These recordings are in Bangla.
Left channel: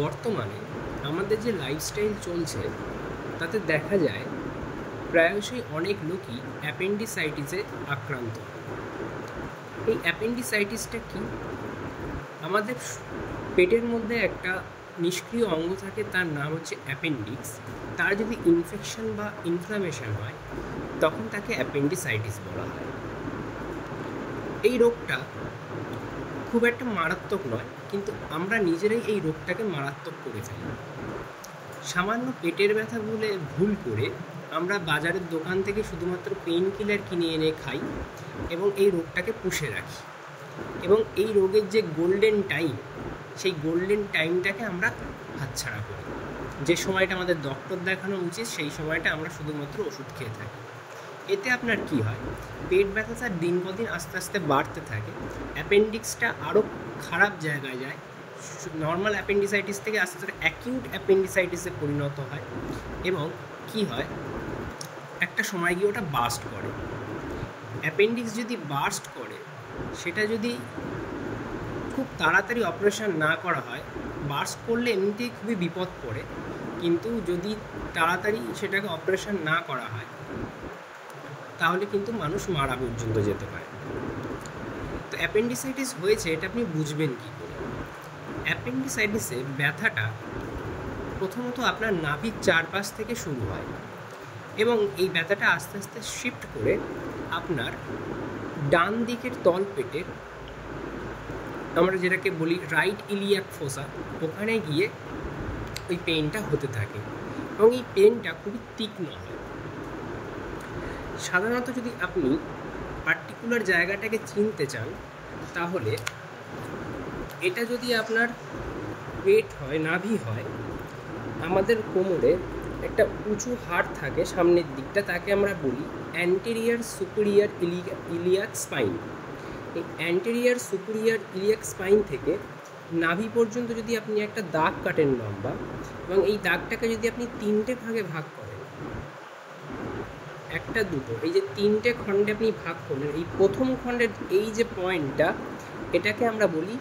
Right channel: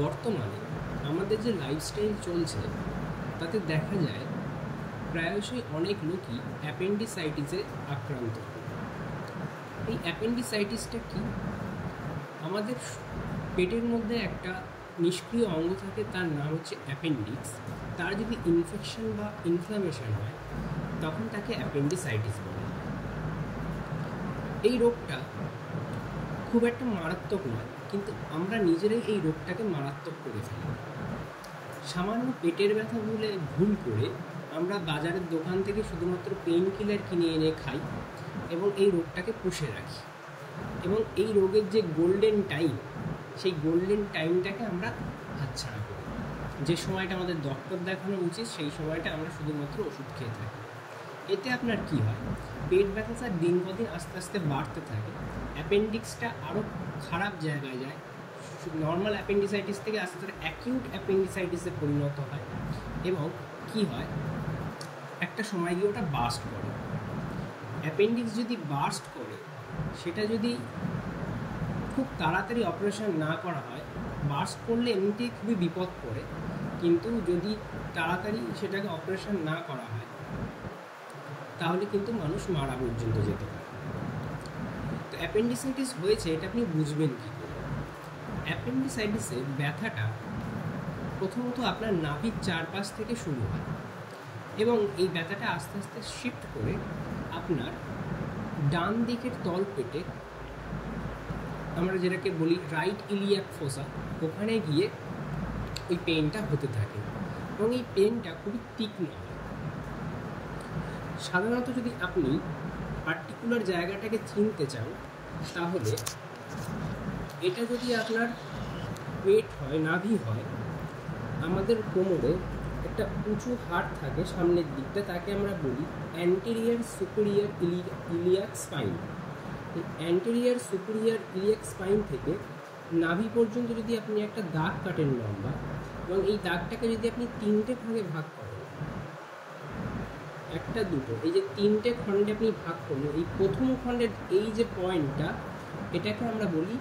বর্তমানে আমাদের যে লাইফস্টাইল চলছে তাতে দেখা যায় প্রায়শই অনেক লোকই অ্যাপেন্ডিসাইটিসে আক্রান্ত। এই অ্যাপেন্ডিসাইটিসটা কি? আমাদের পেটের মধ্যে একটা নিষ্ক্রিয় অঙ্গ থাকে, তার নাম হচ্ছে অ্যাপেন্ডিক্স। তার যদি ইনফেকশন বা ইনফ্লামেশন হয় তখন তাকে অ্যাপেন্ডিসাইটিস বলা হয়। এই রোগটা খুব একটা মারাত্মক নয়, কিন্তু আমরা নিজেরাই এই রোগটাকে মারাত্মক করে ফেলি। সামান্য পেটের ব্যথা বলে ভুল করে আমরা বাজারের দোকান থেকে শুধুমাত্র পেইন কিলার কিনে এনে খাই এবং এই রোগটাকে পুষে রাখি, এবং এই রোগের যে গোল্ডেন টাইম, সেই গোল্ডেন টাইমটাকে আমরা হাতছাড়া করি। যে সময়টা আমাদের ডক্টর দেখানো উচিত সেই সময়টা আমরা শুধুমাত্র ওষুধ খেয়ে থাকি। এতে আপনার কি হয়? পেট ব্যথাটা দিন পর দিন আস্তে আস্তে বাড়তে থাকে, অ্যাপেন্ডিক্সটা আরও খারাপ জায়গায় যায়, নর্মাল অ্যাপেন্ডিসাইটিস থেকে আস্তে আস্তে অ্যাকিউট অ্যাপেন্ডিসাইটিসে পরিণত হয়, এবং কি হয়, একটা সময় গিয়ে ওটা বার্স্ট করে। অ্যাপেন্ডিক্স যদি বার্স্ট করে, সেটা যদি খুব তাড়াতাড়ি অপারেশন না করা হয়, বার্স্ট করলে এমনিতেই খুবই বিপদ পড়ে, কিন্তু যদি তাড়াতাড়ি সেটাকে অপারেশন না করা হয় তাহলে কিন্তু মানুষ মারা পর্যন্ত যেতে পারে। তো অ্যাপেন্ডিসাইটিস হয়েছে এটা আপনি বুঝবেন কী করে? অ্যাপেন্ডিসাইটিসের ব্যথাটা প্রথমত আপনার নাভির চারপাশ থেকে শুরু হয়, এবং এই ব্যথাটা আস্তে আস্তে শিফট করে আপনার ডান দিকের তলপেটের, আমরা যেটাকে বলি রাইট ইলিয়াক ফোসা, ওখানে গিয়ে ওই পেনটা হতে থাকে, এবং এই পেনটা খুবই তীক্ষ্ণ হয়। সাধারণত যদি আপনি পার্টিকুলার জায়গাটাকে চিনতে চান, তাহলে এটা যদি আপনার পেট হয়, নাভি হয়, আমাদের কোমরে একটা উঁচু হাড় থাকে সামনের দিকটা, তাকে আমরা বলি অ্যান্টেরিয়ার সুপিরিয়র ইলিয়াক স্পাইন। এই অ্যান্টেরিয়ার সুপিরিয়র ইলিয়াক স্পাইন থেকে নাভি পর্যন্ত যদি আপনি একটা দাগ কাটেন লম্বা, এবং এই দাগটাকে যদি আপনি তিনটে ভাগে ভাগ করেন, একটা দুটো, এই যে তিনটে খণ্ডে আপনি ভাগ করলেন, এই প্রথম খণ্ডের এই যে পয়েন্টটা, এটাকে আমরা বলি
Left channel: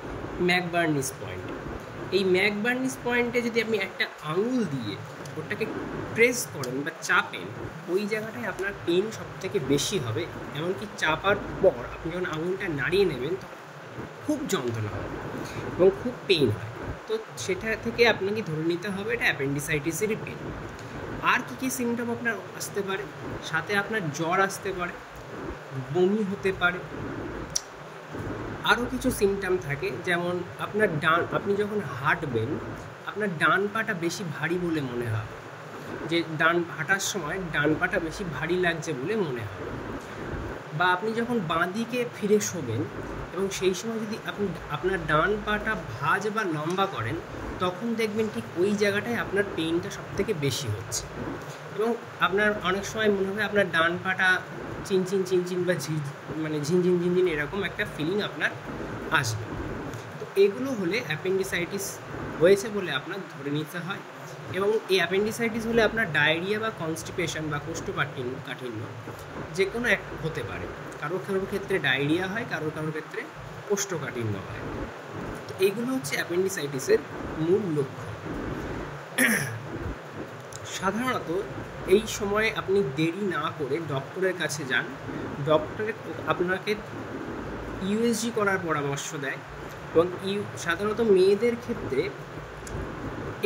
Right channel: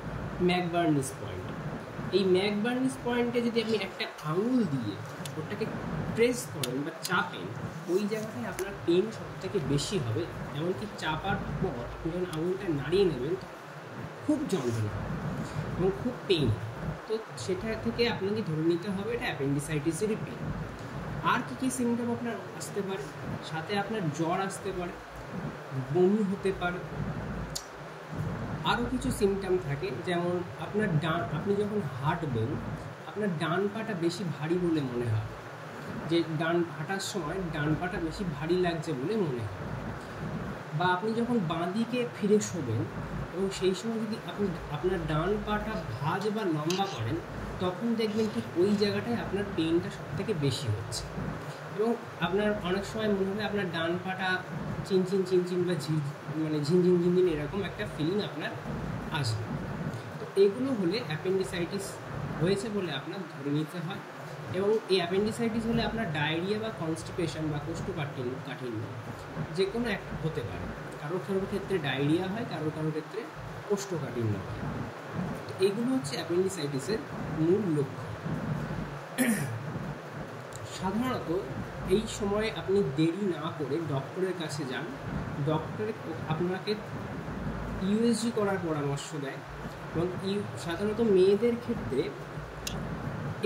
ম্যাকবার্নিস পয়েন্ট। এই ম্যাকবার্নিস পয়েন্টে যদি আপনি একটা আঙুল দিয়ে ওটাকে প্রেস করেন বা চাপেন, ওই জায়গাটায় আপনার পেন সবথেকে বেশি হবে। এমনকি চাপার পর আপনি যখন আঙুলটা নাড়িয়ে নেবেন তখন খুব যন্ত্রণা হয় এবং খুব পেন হয়। তো সেটা থেকে আপনাকে ধরে নিতে হবে এটা অ্যাপেন্ডিসাইটিসেরই পেন। আর কী কী সিমটম আপনার আসতে পারে? সাথে আপনার জ্বর আসতে পারে, বমি হতে পারে, আরও কিছু সিমটম থাকে, যেমন আপনার আপনি যখন হাঁটবেন আপনার ডান পাটা বেশি ভারী বলে মনে হয়, যে হাঁটার সময় ডান পাটা বেশি ভারী লাগছে বলে মনে হয়। বা আপনি যখন বাঁ দিকে ফিরে শোবেন এবং সেই সময় যদি আপনি আপনার ডান পাটা ভাঁজ বা লম্বা করেন, তখন দেখবেন ঠিক ওই জায়গাটায় আপনার পেইনটা সবথেকে বেশি হচ্ছে, এবং আপনার অনেক সময় মনে হবে আপনার ডান পাটা চিনচিন চিনচিন বা ঝিনঝিন ঝিনঝিন এরকম একটা ফিলিং আপনার আসবে। তো এগুলো হলে অ্যাপেন্ডিসাইটিস হয়েছে বলে আপনার ধরে নিতে হয়। এবং এই অ্যাপেন্ডিসাইটিস হলে আপনার ডায়রিয়া বা কনস্টিপেশন বা কোষ্ঠকাঠিন্য যে কোনো এক হতে পারে। কারোর ক্ষেত্রে ডায়রিয়া হয়, কারোর ক্ষেত্রে কোষ্ঠকাঠিন্য হয়। তো এগুলো হচ্ছে অ্যাপেন্ডিসাইটিসের মূল লক্ষণ। সাধারণত এই সময়ে আপনি দেরি না করে ডক্টরের কাছে যান। ডক্টরে আপনাকে ইউএসজি করার পরামর্শ দেয়, এবং সাধারণত মেয়েদের ক্ষেত্রে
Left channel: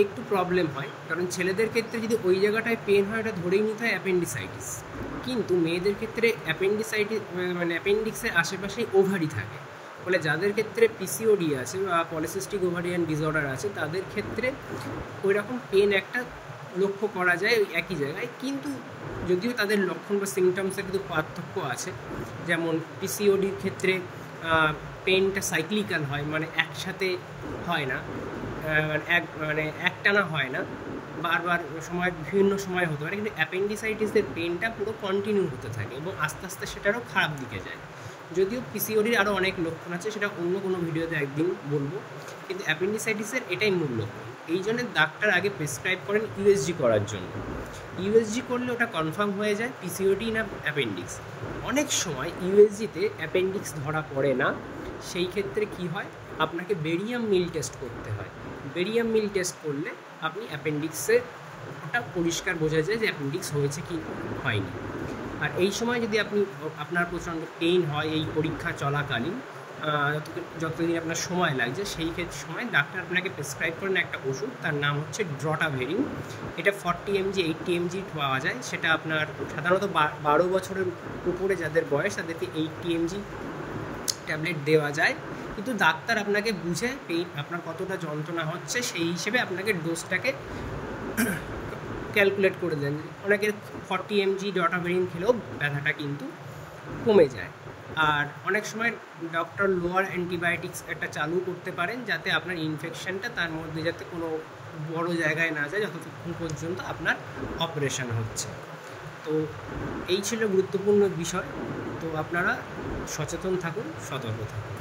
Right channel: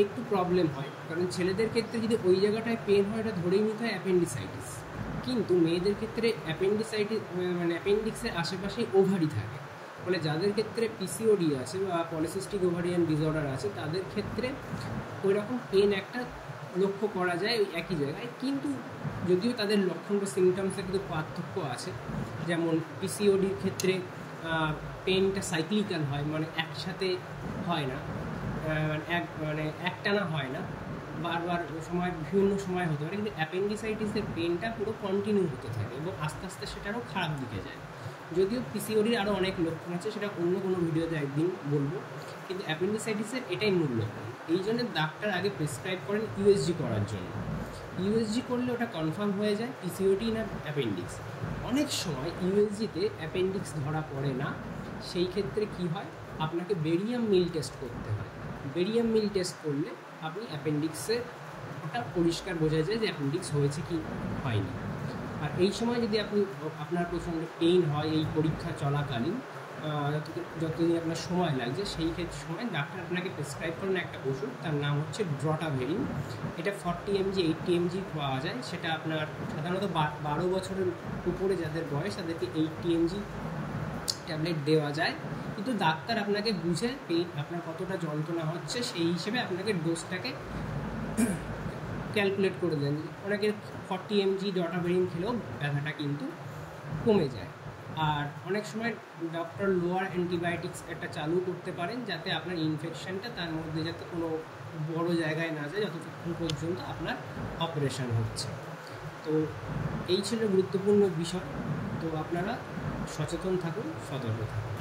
একটু প্রবলেম হয়, কারণ ছেলেদের ক্ষেত্রে যদি ওই জায়গাটায় পেন হয় এটা ধরেই নিতে হয় অ্যাপেন্ডিসাইটিস, কিন্তু মেয়েদের ক্ষেত্রে অ্যাপেন্ডিক্সের আশেপাশেই ওভারি থাকে, ফলে যাদের ক্ষেত্রে পিসিওডি আছে বা পলিসিস্টিক ওভারিয়ান ডিসঅর্ডার আছে তাদের ক্ষেত্রে ওই রকম পেন একটা লক্ষ্য করা যায় ওই একই জায়গায়, কিন্তু যদিও তাদের লক্ষণ বা সিমটমসের কিন্তু পার্থক্য আছে। যেমন পিসিওডির ক্ষেত্রে পেনটা সাইক্লিক্যাল হয়, মানে একসাথে হয় না, একটানা হয় না, বারবার বিভিন্ন সময় হতে পারে, কিন্তু অ্যাপেন্ডিসাইটিসের পেনটা পুরো কন্টিনিউ হতে থাকে এবং আস্তে আস্তে সেটারও খারাপ দিকে যায়। যদিও পিসিওডির আরও অনেক লক্ষণ আছে, সেটা অন্য কোনো ভিডিওতে একদিন বলবো, কিন্তু অ্যাপেন্ডিসাইটিসের এটাই মূল লক্ষণ। এই জন্য ডাক্তার আগে প্রেসক্রাইব করেন ইউএসজি করার জন্য। ইউএসজি করলে ওটা কনফার্ম হয়ে যায় পিসিওডি না অ্যাপেন্ডিক্স। অনেক সময় ইউএসজিতে অ্যাপেন্ডিক্স ধরা পড়ে না, সেই ক্ষেত্রে কি হয়, আপনাকে বেরিয়াম মিল টেস্ট করতে হয়। বেরিয়াম মিল টেস্ট করলে আপনি অ্যাপেন্ডিক্সে একটা পরিষ্কার বোঝা যায় যে অ্যাপেন্ডিক্স হয়েছে কি হয়নি। আর এই সময় যদি আপনার প্রচণ্ড পেইন হয় এই পরীক্ষা চলাকালীন, যতদিন আপনার সময় লাগছে, সেই ক্ষেত্রে সময় ডাক্তার আপনাকে প্রেসক্রাইব করেন একটা ওষুধ, তার নাম হচ্ছে ড্রটাভেরিন। এটা 40 mg 80 mg পাওয়া যায়। সেটা আপনার সাধারণত 12 বছরের উপরে যাদের বয়স তাদেরকে 80 mg ট্যাবলেট দেওয়া যায়, কিন্তু ডাক্তার আপনাকে বুঝে আপনার কতটা যন্ত্রণা হচ্ছে সেই হিসেবে আপনাকে ডোজটাকে ক্যালকুলেট করে দেন। অনেকে 40 mg ড্রটাভেরিন খেলেও ব্যথাটা কিন্তু কমে যায়। আর অনেক সময় ডক্টর লোয়ার অ্যান্টিবায়োটিক্স একটা চালু করতে পারেন যাতে আপনার ইনফেকশনটা তার মধ্যে যাতে কোনো বড় জায়গায় না যায় যতক্ষণ পর্যন্ত আপনার অপারেশন হচ্ছে। তো এই ছিল গুরুত্বপূর্ণ বিষয়। তো আপনারা সচেতন থাকুন, সতর্ক থাকুন।